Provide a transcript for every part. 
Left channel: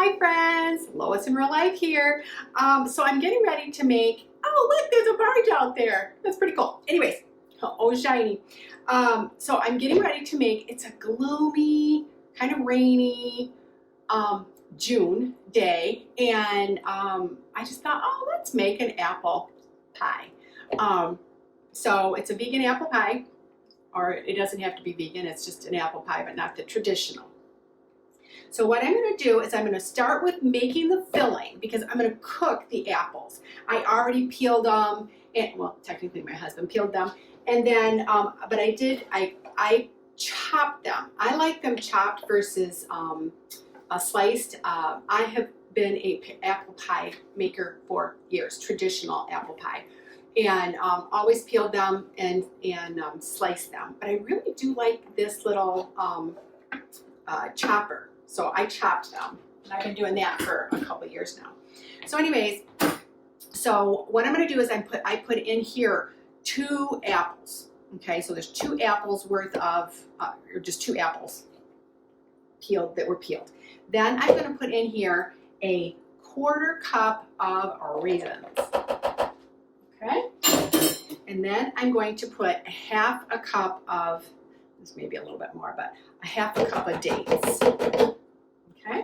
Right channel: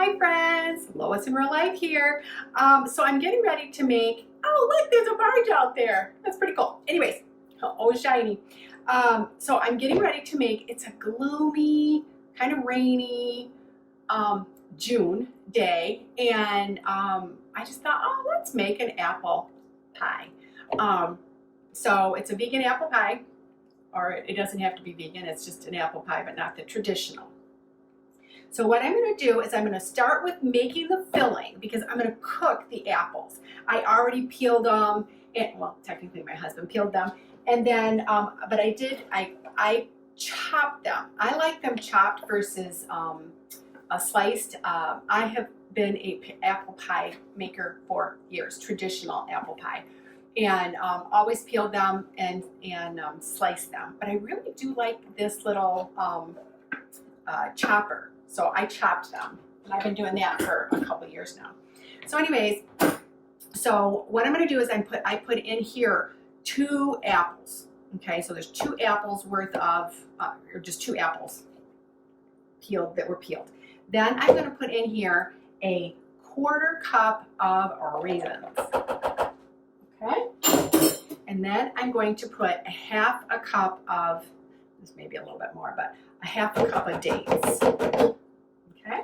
Hi friends, Lois in real life here. So I'm getting ready to make, oh look, there's a barge out there. That's pretty cool. Anyways, oh shiny. So I'm getting ready to make, it's a gloomy, kind of rainy June day. And I just thought, oh, let's make an apple pie. So it's a vegan apple pie, or it doesn't have to be vegan, it's just an apple pie, but not the traditional. So what I'm going to do is I'm going to start with making the filling because I'm going to cook the apples. I already peeled them, and, well, technically my husband peeled them, and then, but I chopped them. I like them chopped versus sliced. I have been a apple pie maker for years, traditional apple pie, and always peeled them and sliced them. But I really do like this little chopper. So I chopped them, and I've been doing that for a couple years now. So anyways, so what I'm going to do is I put in here 2 apples. Okay, so there's 2 apples worth of, or just 2 apples peeled that were peeled. Then I'm going to put in here a 1/4 cup of raisins. Okay, and then I'm going to put 1/2 cup of, this may be a little bit more, but 1/2 cup of dates. Okay,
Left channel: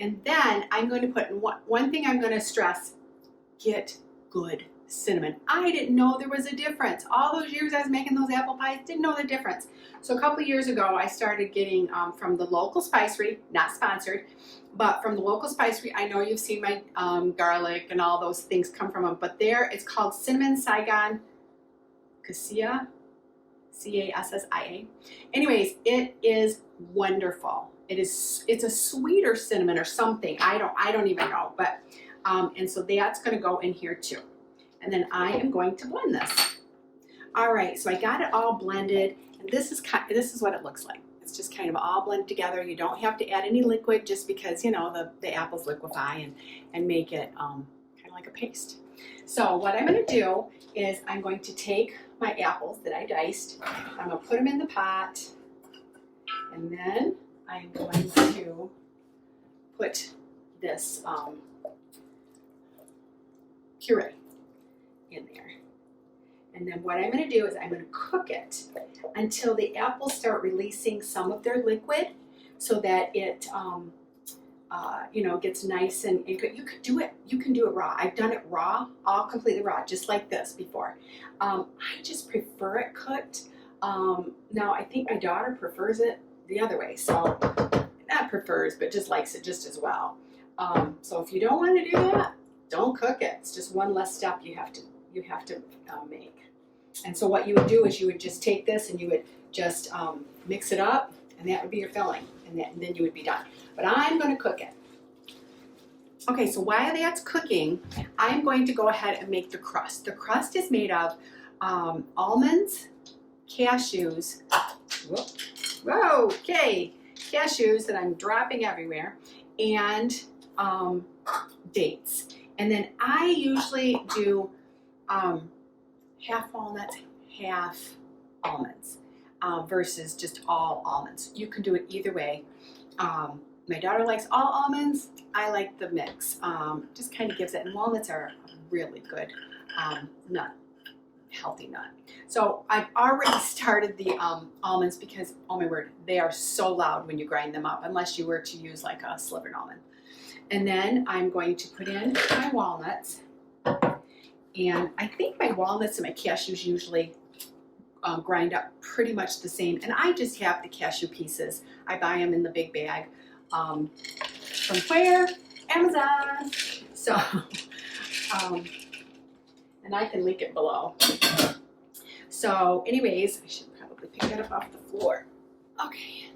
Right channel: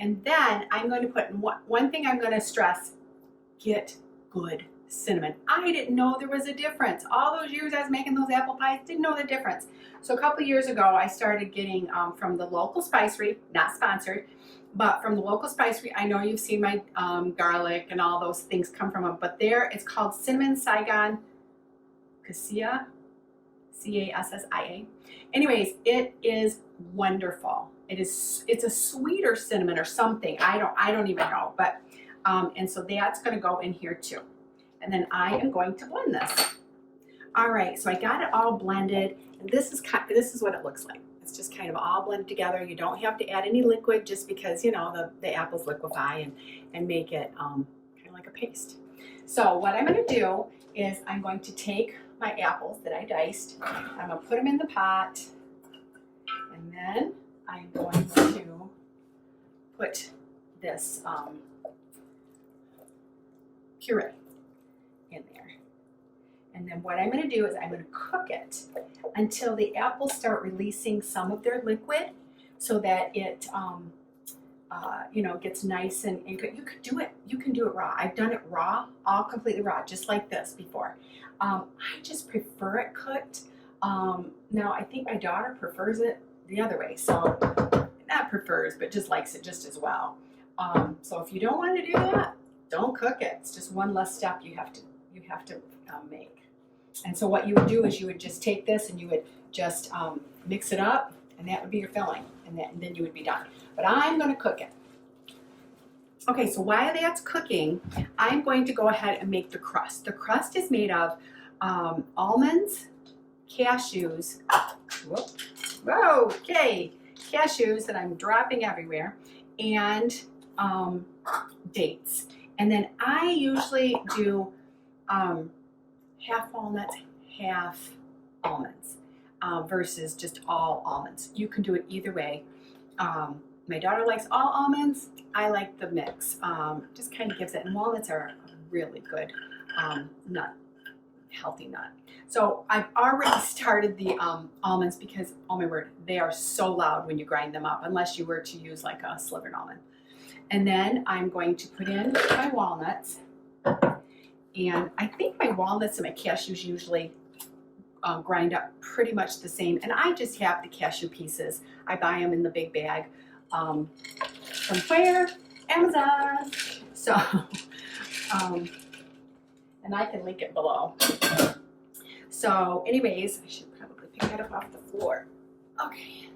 and then I'm going to put, one thing I'm going to stress, get good cinnamon. I didn't know there was a difference. All those years I was making those apple pies, didn't know the difference. So a couple years ago, I started getting from the local spicery, not sponsored, but from the local spicery. I know you've seen my garlic and all those things come from them, but there it's called Cinnamon Saigon Cassia, Cassia. Anyways, it is wonderful. It's a sweeter cinnamon or something. I don't even know, but and so that's going to go in here too. And then I am going to blend this. All right, so I got it all blended, and this is what it looks like. It's just kind of all blended together. You don't have to add any liquid, just because, you know, the apples liquefy and make it kind of like a paste. So what I'm going to do is I'm going to take my apples that I diced. I'm going to put them in the pot, and then I'm going to put this puree in there. And then what I'm going to do is I'm going to cook it until the apples start releasing some of their liquid, so that it you know, gets nice and good. You can do it raw. I've done it raw, all completely raw, just like this before. I just prefer it cooked. Now I think my daughter prefers it the other way, so not prefers, but just likes it just as well. So if you don't want to do that, don't cook it. It's just one less step you have to make. And so what you would do is you would just take this and you would just mix it up, and that would be your filling, and then you would be done. But I'm going to cook it. Okay, so while that's cooking, I'm going to go ahead and make the crust. The crust is made of almonds, cashews, cashews that I'm dropping everywhere, and dates. And then I usually do half walnuts, half almonds, versus just all almonds. You can do it either way. My daughter likes all almonds. I like the mix. Just kind of gives it, and walnuts are a really good nut, healthy nut. So I've already started the almonds because, oh my word, they are so loud when you grind them up, unless you were to use like a slivered almond. And then I'm going to put in my walnuts. And I think my walnuts and my cashews usually grind up pretty much the same. And I just have the cashew pieces. I buy them in the big bag. From where? Amazon. So, and I can link it below. So anyways, I should probably pick that up off the floor. Okay,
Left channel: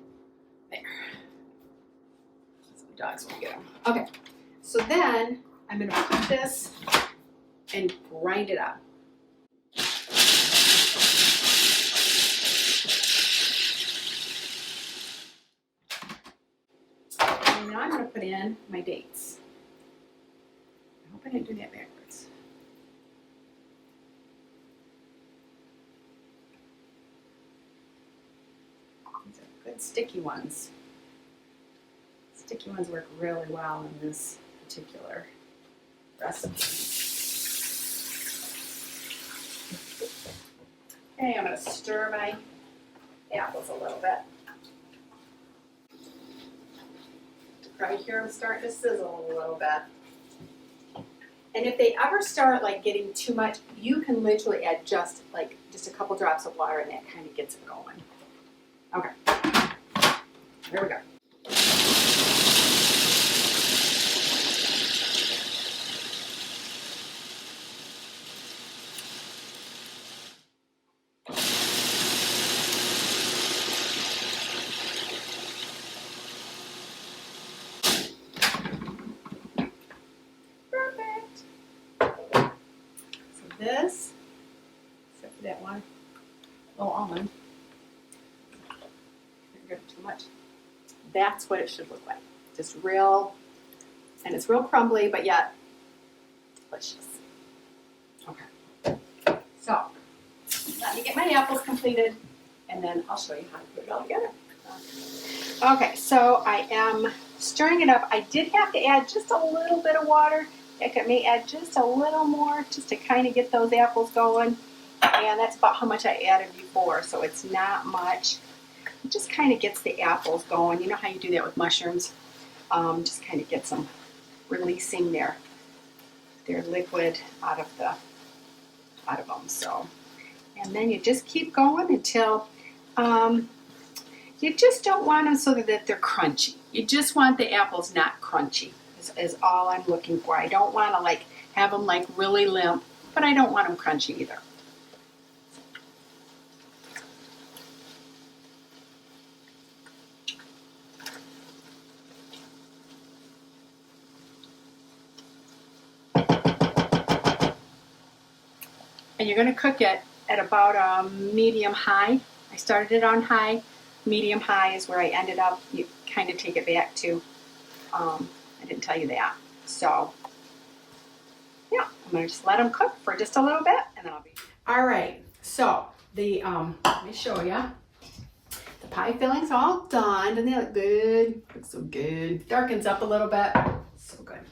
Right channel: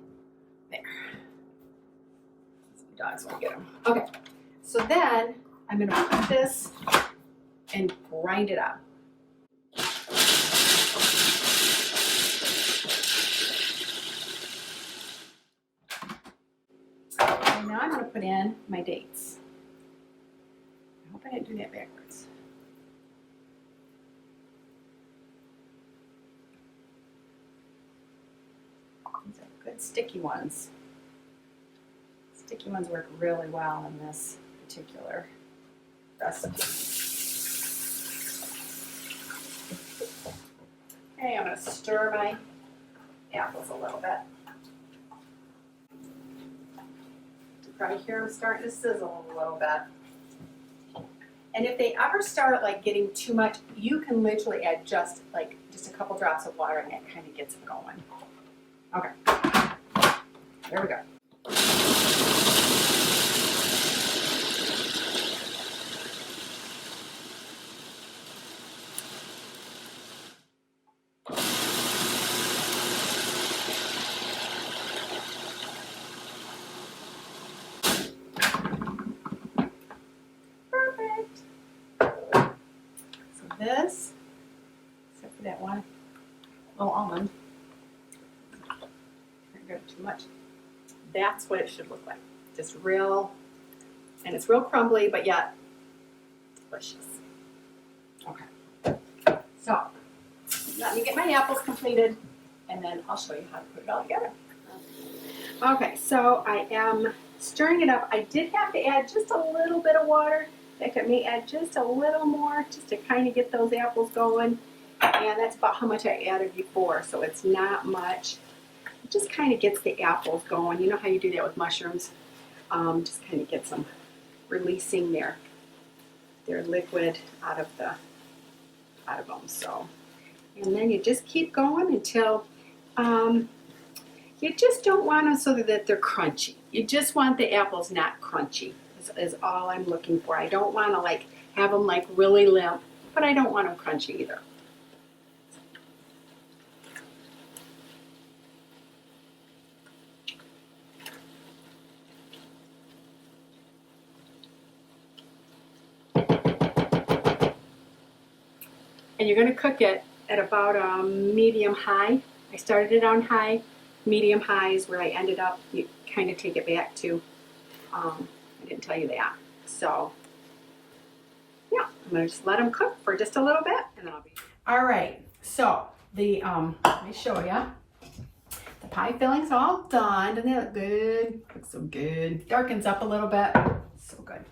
there. Some dogs won't get them. Okay, so then I'm gonna put this and grind it up. And now I'm going to put in my dates. I hope I didn't do that backwards. These are good sticky ones. Sticky ones work really well in this particular recipe. Okay, I'm going to stir my apples a little bit. You probably hear them starting to sizzle a little bit. And if they ever start like getting too much, you can literally add just a couple drops of water, and that kind of gets them going. Okay, there we go. This, except for that one little almond, too much. That's what it should look like. Just real, and it's real crumbly, but yet delicious. Okay. So let me get my apples completed, and then I'll show you how to put it all together. Okay, so I am stirring it up. I did have to add just a little bit of water. I may add just a little more just to kind of get those apples going. And that's about how much I added before, so it's not much. It just kind of gets the apples going. You know how you do that with mushrooms? Just kind of gets them releasing their liquid out of them. So, and then you just keep going until you just don't want them so that they're crunchy. You just want the apples not crunchy. Is all I'm looking for. I don't want to have them really limp, but I don't want them crunchy either. And you're going to cook it at about a medium high. I started it on high. Medium high is where I ended up. You kind of take it back to. I didn't tell you that. So, yeah, I'm going to just let them cook for just a little bit, and then I'll be... All right, so let me show you. The pie filling's all done. Doesn't it look good? Looks so good. Darkens up a little bit. So good.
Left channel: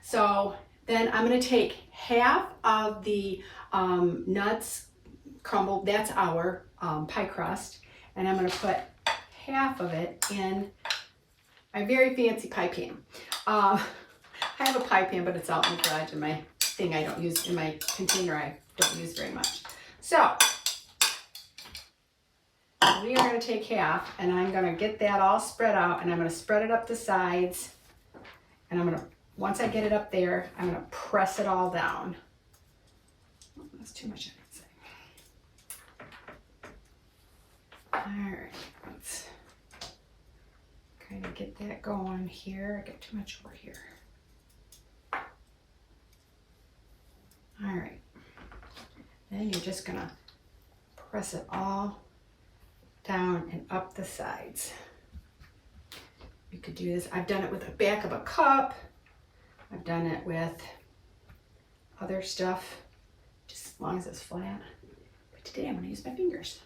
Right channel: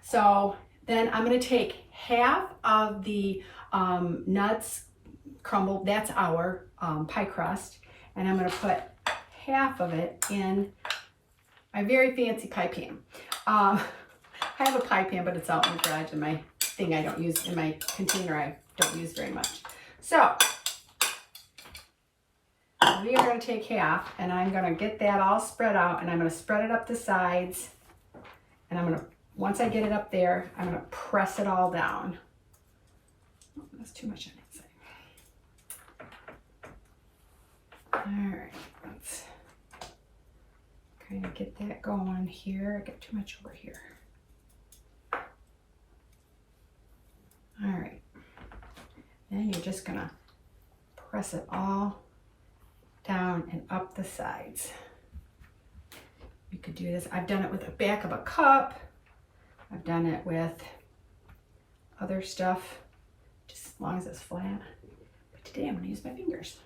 So then I'm going to take half of the nuts crumble. That's our pie crust. And I'm going to put half of it in my very fancy pie pan. I have a pie pan, but it's out in the garage in my thing I don't use, in my container I don't use very much. So we are going to take half, and I'm going to get that all spread out, and I'm going to spread it up the sides, and I'm going to, once I get it up there, I'm going to press it all down. Oh, that's too much on that side. All right, let's kind of get that going here. I got too much over here. All right, then you're just gonna press it all down and up the sides. You could do this. I've done it with the back of a cup. I've done it with other stuff, just as long as it's flat. But today I'm gonna use my fingers.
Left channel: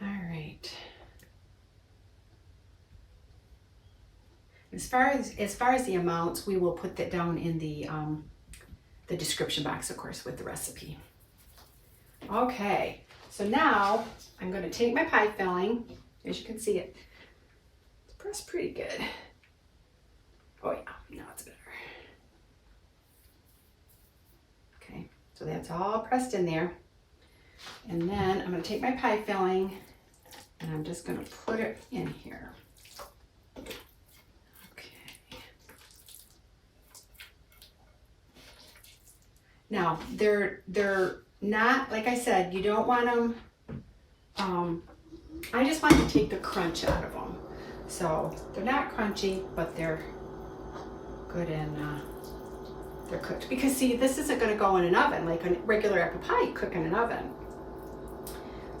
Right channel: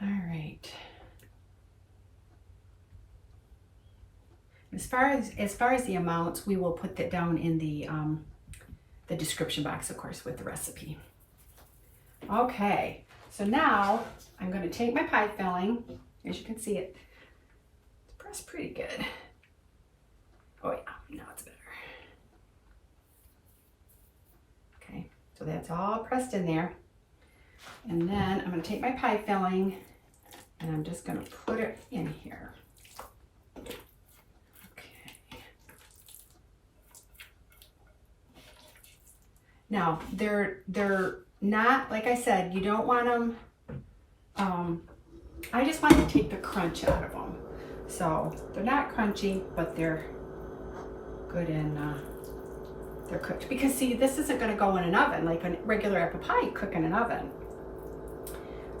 All right. As far as the amounts, we will put that down in the description box, of course, with the recipe. Okay, so now I'm going to take my pie filling. As you can see, it's pressed pretty good. Oh yeah, now it's better. Okay, so that's all pressed in there. And then I'm going to take my pie filling, and I'm just going to put it in here. Now, they're not, like I said, you don't want them, I just want to take the crunch out of them. So they're not crunchy, but they're good and they're cooked. Because see, this isn't going to go in an oven like a regular apple pie you cook in an oven.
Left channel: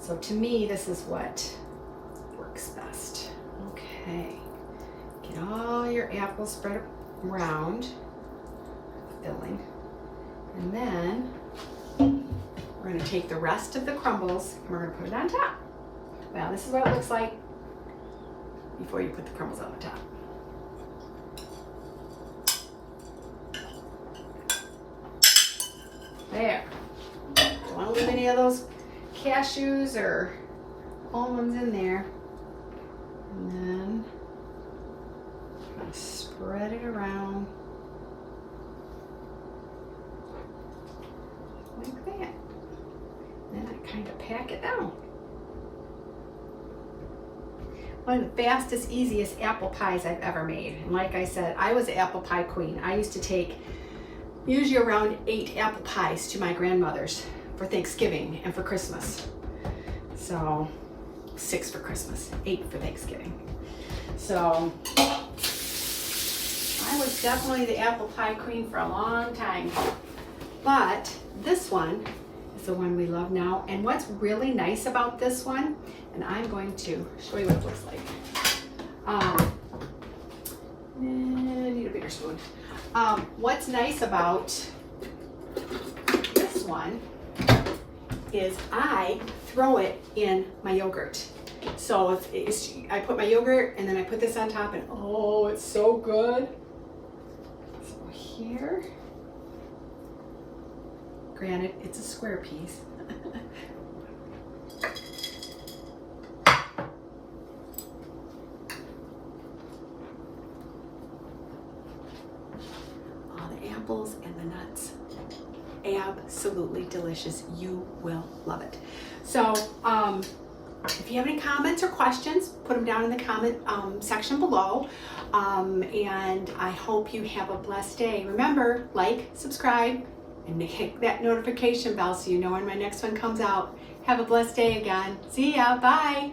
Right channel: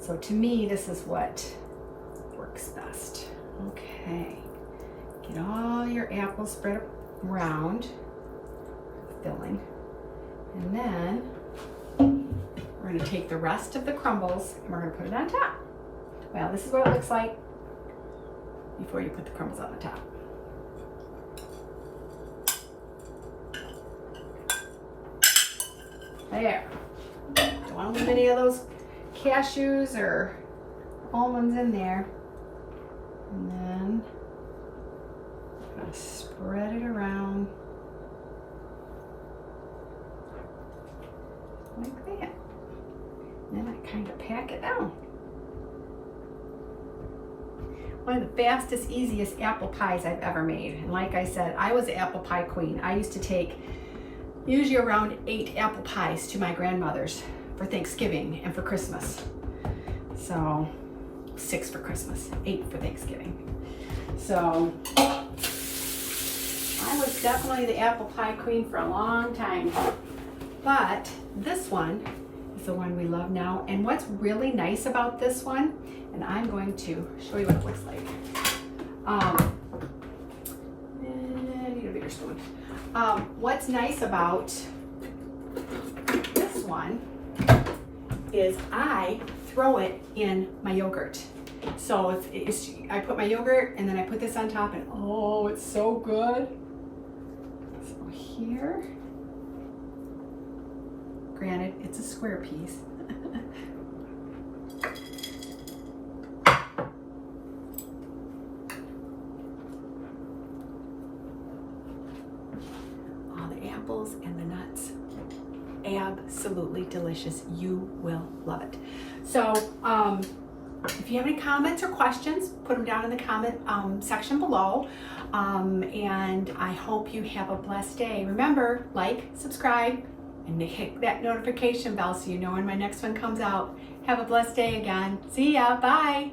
So to me, this is what works best. Okay, get all your apples spread around the filling. And then we're going to take the rest of the crumbles and we're going to put it on top. Well, this is what it looks like before you put the crumbles on the top. There. Don't want to leave any of those cashews or almonds in there. And then I'm going to spread it around like that. And then I kind of pack it down. One of the fastest, easiest apple pies I've ever made. And like I said, I was an apple pie queen. I used to take usually around 8 apple pies to my grandmother's for Thanksgiving and for Christmas. So 6 for Christmas, 8 for Thanksgiving. So I was definitely the apple pie queen for a long time. But this one is the one we love now. And what's really nice about this one, and I'm going to show you what it looks like. I need a bigger spoon. What's nice about this one is I throw it in my yogurt. So I put my yogurt and then I put this on top and oh, it's so good. So here, granted, it's a square piece. Apples and the nuts, absolutely delicious. You will love it. So if you have any comments or questions, put them down in the comment section below, and I hope you have a blessed day. Remember, like, subscribe, and hit that notification bell so you know when my next one comes out. Have a blessed day again. See ya. Bye.